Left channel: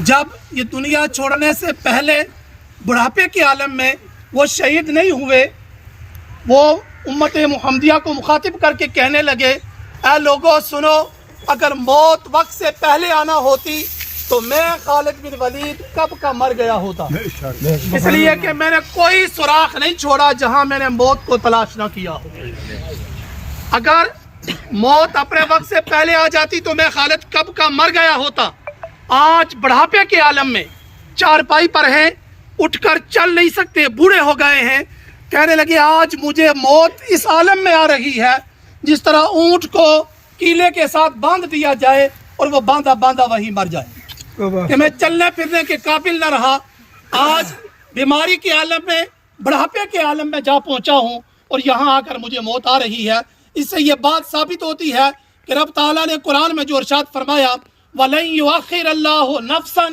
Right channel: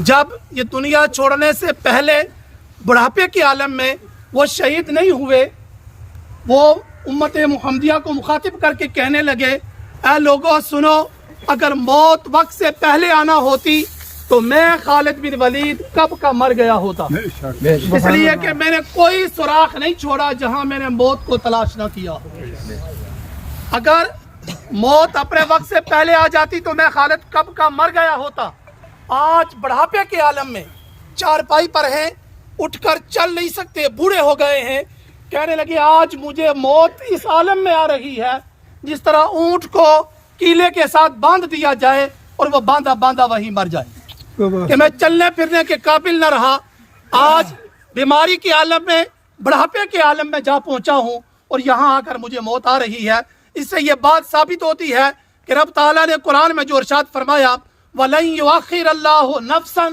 جب یہ دنیا چھوڑنے سے پہلے بڑھاپے کے عالم میں وہ شہید نہیں ہوئے، وہ امت محمدیہ کو مخاطب کر کے کہنے لگے، اے لوگوں سنو، اگر موت وقت سے پہلے آنا ہوتی تو میں خالد بن ولید کب کا مر گیا ہوتا، اس لیے کہ میں نے کوئی سوراخ نہیں چھوڑا جہاں میں نے موت کو تلاش نہ کیا ہو۔ اگر موت اپنے وقت سے پہلے آ جاتی تو میں خالد کب کا مر گیا ہوتا۔ آج بڑھاپے کے عالم میں چارپائی پر ہیں، اٹھ کر چل نہیں سکتے، بوڑھے ہو گئے ہیں، کہنے لگے آج مجھے موت اس عالم میں آ رہی ہے جس طرح اونٹ کو کیلے کے ساتھ باندھ دیا جائے اور وہ باندھا باندھا وہیں مر جائے، کہ میں چلنے پھرنے کے قابل نہ رہا۔ آج بیماری کے عالم میں، بڑھاپے کے عالم میں جا پہنچا ہوں اور یہاں آ کر مجھے موت آ رہی ہے۔ اس سے یہ بات ثابت ہوتی ہے کہ رب تعالیٰ نے قرآن میں جو ارشاد فرمایا، وَلَن يُؤَخِّرَ اللَّهُ نَفْسًا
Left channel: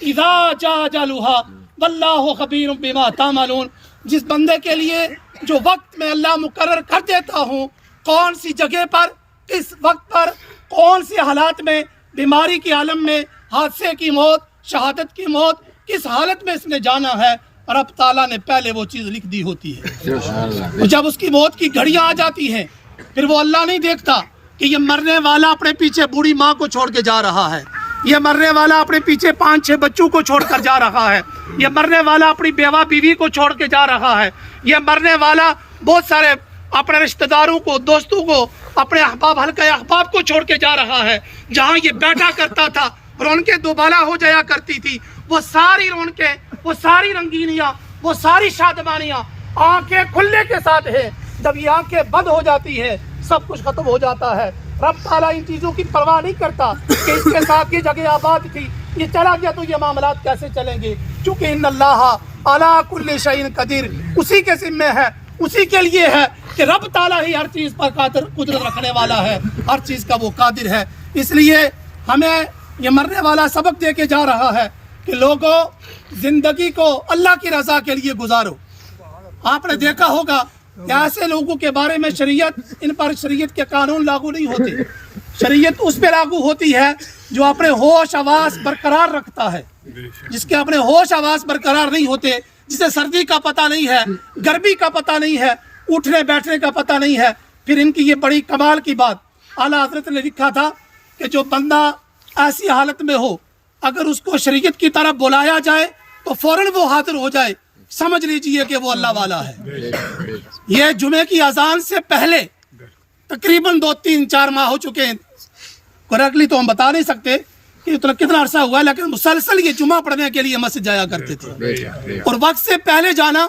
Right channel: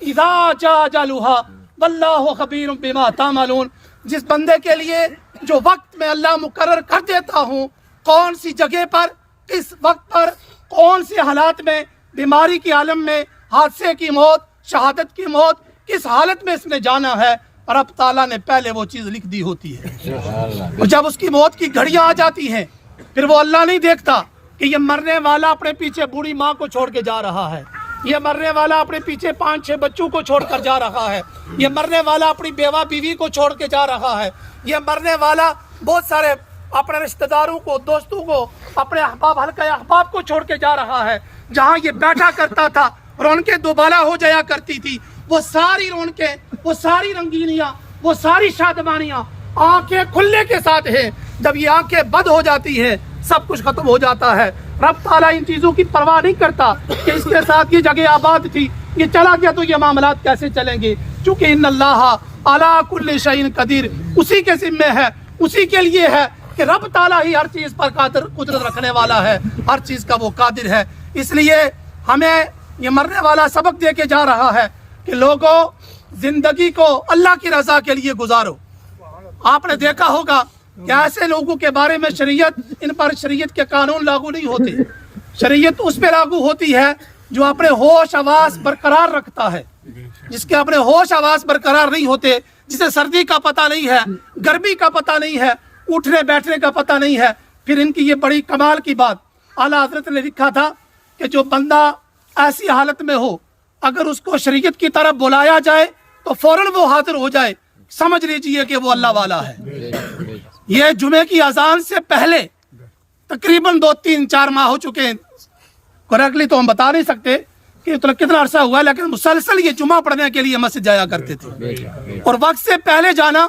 إِذَا جَاءَ أَجَلُهَا وَاللَّهُ خَبِيرٌ بِمَا تَعْمَلُونَ، جس بندے کے لیے جو وقت میں اللہ مقرر کر دیتا ہوں، کون سی جگہ پر، کس وقت پر، کون سے حالات میں، بیماری کے عالم میں، حادثے کی موت، شہادت کی موت، کس حالت میں اس نے جانا ہے، رب تعالیٰ نے پہلے وہ چیز لکھ دی ہوتی ہے۔ اور جب اس کی موت کی گھڑیاں آ جاتی ہیں، پھر وہ اللہ نہیں دیکھتا کہ یہ مرنے والا اپنے پیچھے بوڑھی ماں کو چھوڑ کے جا رہا ہے، یہ مرنے والا اپنے پیچھے 5-6 بچوں کو چھوڑ کر جا رہا ہے، یہ مرنے والا اپنی بیوہ بیوی کو چھوڑ کے جا رہا ہے، یہ مرنے والا بہت سارے اپنے رشتہ داروں کو، دوستوں کو، اپنے احباب، حلقہ احباب کو چھوڑ کے جا رہا ہے۔ جہاں یہ بیٹھا کرتا تھا، رونقیں دوبالا ہو جایا کرتی تھی، وہ ساری رونقیں، وہ ساری رنگینیاں، وہ ساری شادمانیاں آنکھیں کھلنے کے ساتھ ہیں۔ جب یہ آنکھیں بند ہو جاتی ہیں، سب کچھ ختم ہو جاتا ہے۔ رب تعالیٰ ان چیزوں کی پرواہ نہیں کرتا کہ اس کے ساتھ یہ جگہ آباد تھی، یہ چلا گیا تو یہ معاملات کیسے چلیں گے، چونکہ ان اللہ علی کل شیء قدیر، اسی کے ذمہ ہے، اسی کے لیے ہے کہ رب تعالیٰ ہی ہر چیز پر قدرت رکھنے والا ہے، ہر چیز کا وہ قادر ہے۔ اس لیے ہمیں یہ مرنے والا سبق دے کے جا رہا ہے کہ لوگوں، زندگی کو اللہ کی رضا کے لیے گزارو۔ آپ نے دیکھا ہوگا کہ ایسے لوگوں کے بارے میں شریعت، ان پر شریعت کے قانون لاگو نہیں ہوتے۔ شریعت اس پہ لاگو ہوتی ہے جو اپنے ہوش آواز برقرار رکھتا ہے، جس کے اپنے ہوش آواز برقرار نہیں ہوتے، جسے سردی کا پتہ نہیں ہے، گرمی کا پتہ نہیں ہے، اٹھنے بیٹھنے کا پتہ نہیں ہے۔ پھر ان کی یہ بڑی کمال کی بات، اعلیٰ حضرت نے لکھا تھا کہ جو بندہ ایسی حالت میں ہو، اگر اس کو شریعت کی طرف بلایا جائے تو فوراً وہ حاضر ہو جائے، سمجھ لیجئے کہ وہ اللہ والا ہے۔ یہ جمعے کی اذان سے پہلے تقریباً 2-3-4 ماہ ہو چکے ہیں، کریکٹلی تو ہم بتا نہیں سکتے کہ کتنا عرصہ ہوا ہے، لیکن مسلسل یہ جمعہ پڑھنے کے لیے مسجد جایا کرتے تھے، اور وقت سے پہلے جانا،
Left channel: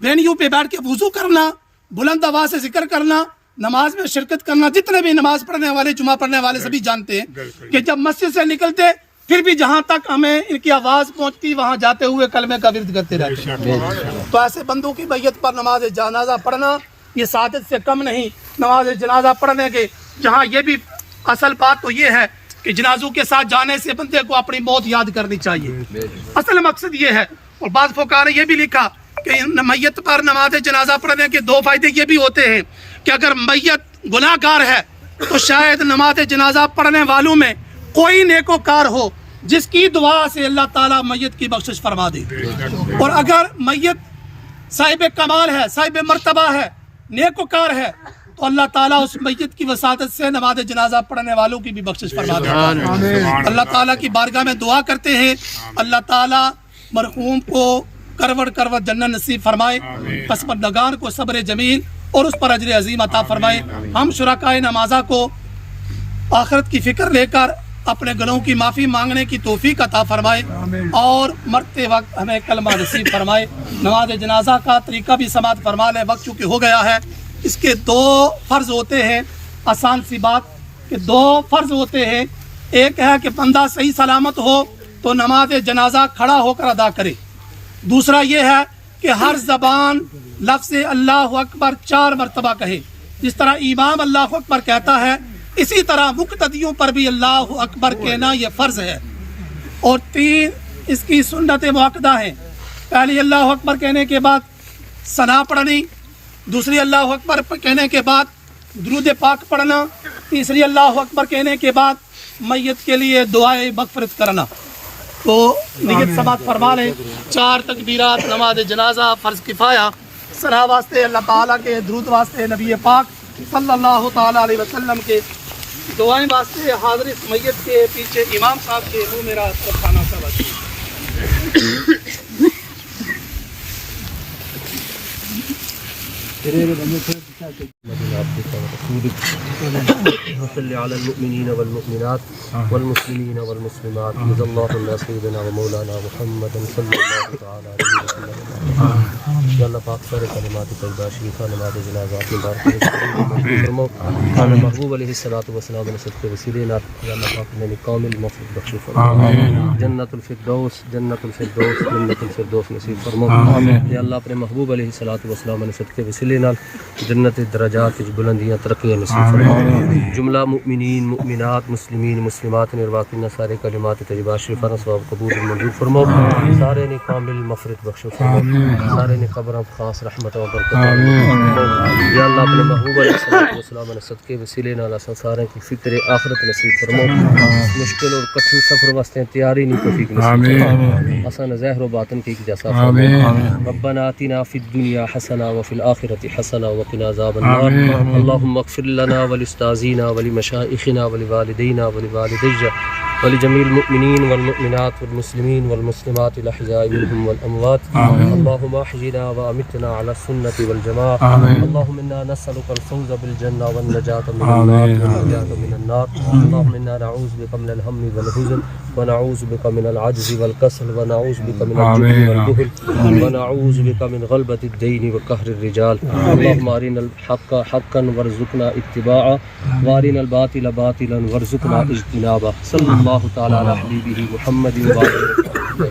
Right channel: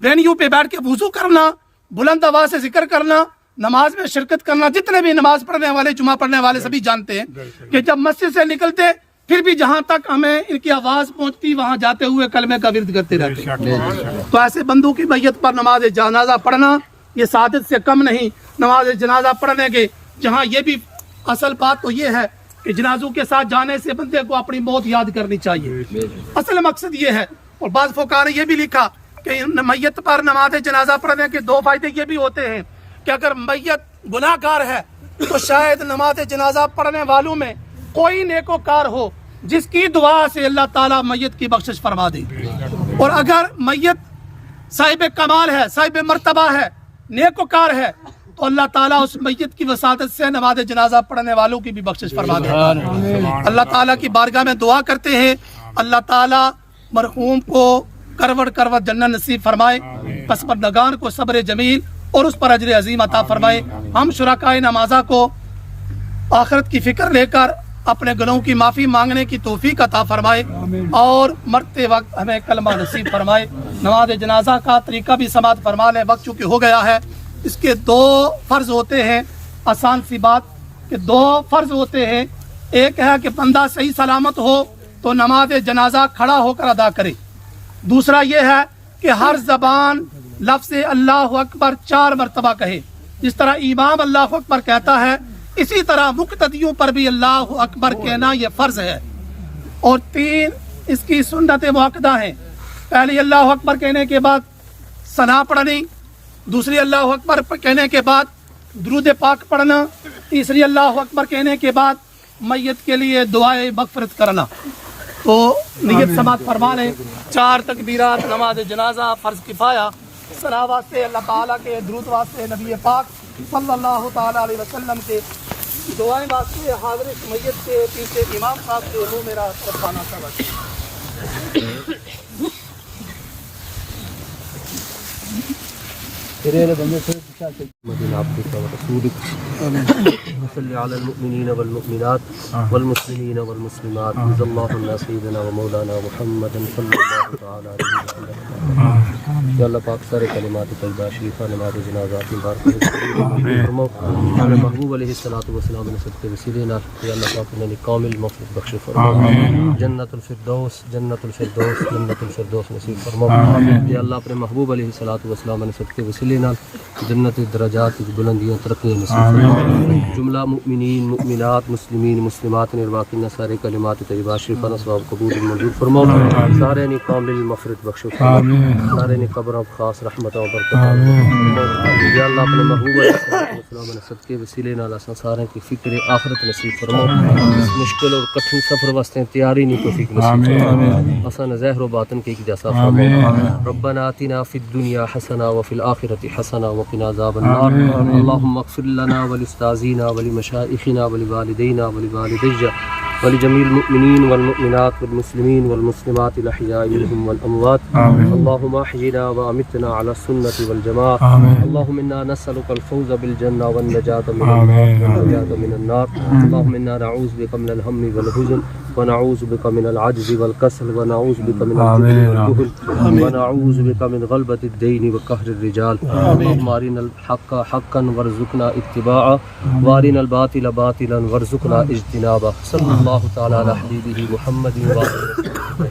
وینیو پہ بیٹھ کے وضو کرنا، بلند آواز سے ذکر کرنا، نماز میں شرکت کرنا۔ جتنے بھی نماز پڑھنے والے، جمعہ پڑھنے والے سبھی جانتے ہیں کہ جب مسجد سے نکلتے پھر بھی جہاں تک ہمیں ان کی آواز پہنچتی وہاں جاتے ہوئے کلمے کا ورد کرتے رہتے۔ تو ایسے بندوں کی میت پر نماز جنازہ پڑھنا یہ سعادت سے کم نہیں۔ نماز جنازہ پڑھنے کے جہاں یہ بھی اصل بات تو یہ ہے کہ جنازوں کے ساتھ جانے سے بندے کو اپنی موت یاد کرنی چاہیے، اصل مقصد یہ ہے۔ اور بعض فقہاء نے یہ بھی لکھا کہ میت پر نماز جنازہ پڑھنے کے 2 فائدے یہ بھی ہوتے ہیں کہ اگر میت گناہ گار ہے تو شاید نماز جنازہ پڑھنے والوں میں کوئی نیکوکار ہو جس کی دعا سے اللہ تعالیٰ میت کی بخشش فرما دے، اور اگر میت صاحب کمال ہے، صاحب مرتبہ ہے، نیکوکار ہے، تو اللہ تعالیٰ اس میت کی وساطت سے نماز جنازہ پڑھنے والوں کی بھی بخشش فرما دیتا ہے۔ اللہ تعالیٰ کی بارگاہ میں دعا کرتے ہیں اللہ تعالیٰ مرحوم کو کروڑ کروڑ جنت نصیب فرمائے، پسماندگان کو صبر جمیل اور اس پر اجر عظیم عطا فرمائے۔ ہم شرکائے نمازہ کو آخرت کی فکر لے کر اپنے گناہوں کی معافی مانگنے کی توفیق عطا فرمائے، اور مرتے وقت ہمیں کلمہ نصیب فرمائے۔ نماز جنازہ کا طریقہ بھی سماعت فرما لیں، وقت چونکہ ہو گیا ہے۔ اس کے 2 فرض ہوتے ہیں، آسان سی بات کہ 2 فرض ہوتے ہیں۔ ایک ہے کہ بندہ صحیح سلامت ہو تو نماز جنازہ کھڑا ہو کر ادا کرے۔ دوسرا یہ ہے کہ ہر زبان لفظ اللہ اکبر 4 مرتبہ کہے۔ جس طرح امام اللہ اکبر کہتا ہے، اسی طرح مقتدیوں پر بھی اللہ اکبر کہنا یہ فرض ہے۔ اور 3 اس کی سنت مؤکدہ ہیں۔ پہلی اللہ اکبر کہنے کے بعد ثنا پڑھنی، دوسری اللہ اکبر کہنے کے بعد درود پاک پڑھنا، تیسری اللہ اکبر کہنے کے بعد میت کے لیے دعائے مغفرت کرنا۔ تو نیت سماعت فرما لیں. 4 تکبیرات نماز جنازہ فرض کفایہ. ثنا واسطے اللہ تعالیٰ کے، درود واسطے نبی پاک صلی اللہ تعالیٰ علیہ وسلم کے، دعائیں واسطے حاضر میت کے پیچھے امام صاحب کے رو میرا خانہ صاحب. محمد عبدك ورسولك وصل على المؤمنين والمؤمنات والمسلمين والمسلمات رضي الله عن سيدنا ومولانا محمد صلى الله تعالى عليه وسلم. یا اللہ پاک سارے کلمات طیبہ شریفہ نماز جنازہ کی محبوب علیہ الصلوۃ والسلام نے صدقے وسیلے نال یا اللہ پاک نے کامل مغفرت بخش فرما. جنت الفردوس جنت الفردوس جنت الفردوس نصیب فرما. یا اللہ اپنے محبوب علیہ الصلوۃ والسلام نے صدقے وسیلے نال جنت درجات کی بلندیاں ترقیاں نصیب فرما. جملہ مؤمنین مؤمنات مسلمین مسلمات نے باقی سارے کلمات طیبہ شریفہ ثواب قبول منظور فرما. سارے نے کامل مغفرت بخش فرما. سارے نے قبر و خاص رحمت و برکت. یا اللہ اپنے محبوب علیہ الصلوۃ والسلام نے صدقے وسیلے نال اساں سارے کی فکر آخرت نصیب فرما. اس مشکل اور کٹھن سفر واسطے تیاری نہیں توفیق نصیب فرما. اساں ظاہر و باطن کی جیسا فرما. ربنا آتنا فی الدنیا حسنہ وفی الآخرۃ حسنہ وقنا عذاب النار. اللهم اغفر لنا ولاستاذینا ولمشائخنا ولوالدینا ولوالدی ولجميع المؤمنين والمؤمنات والمسلمين والمسلمات الأحياء منهم والأموات. اللهم أحينا وأمتنا على السنة والجماعة. اللهم إنا نسألك الفوز بالجنة والنجاة من النار والنجاة من النار. اللهم إنا نعوذ بك من الهم والحزن ونعوذ بك من العجز والكسل ونعوذ بك من الجبن والبخل ونعوذ بك من غلبة الدين وقهر الرجال. اللهم أرنا الحق حقا وارزقنا اتباعه وأرنا الباطل باطلا وارزقنا اجتنابه. صلى الله تعالى على حبيبه محمد وعلى آله وصحبه.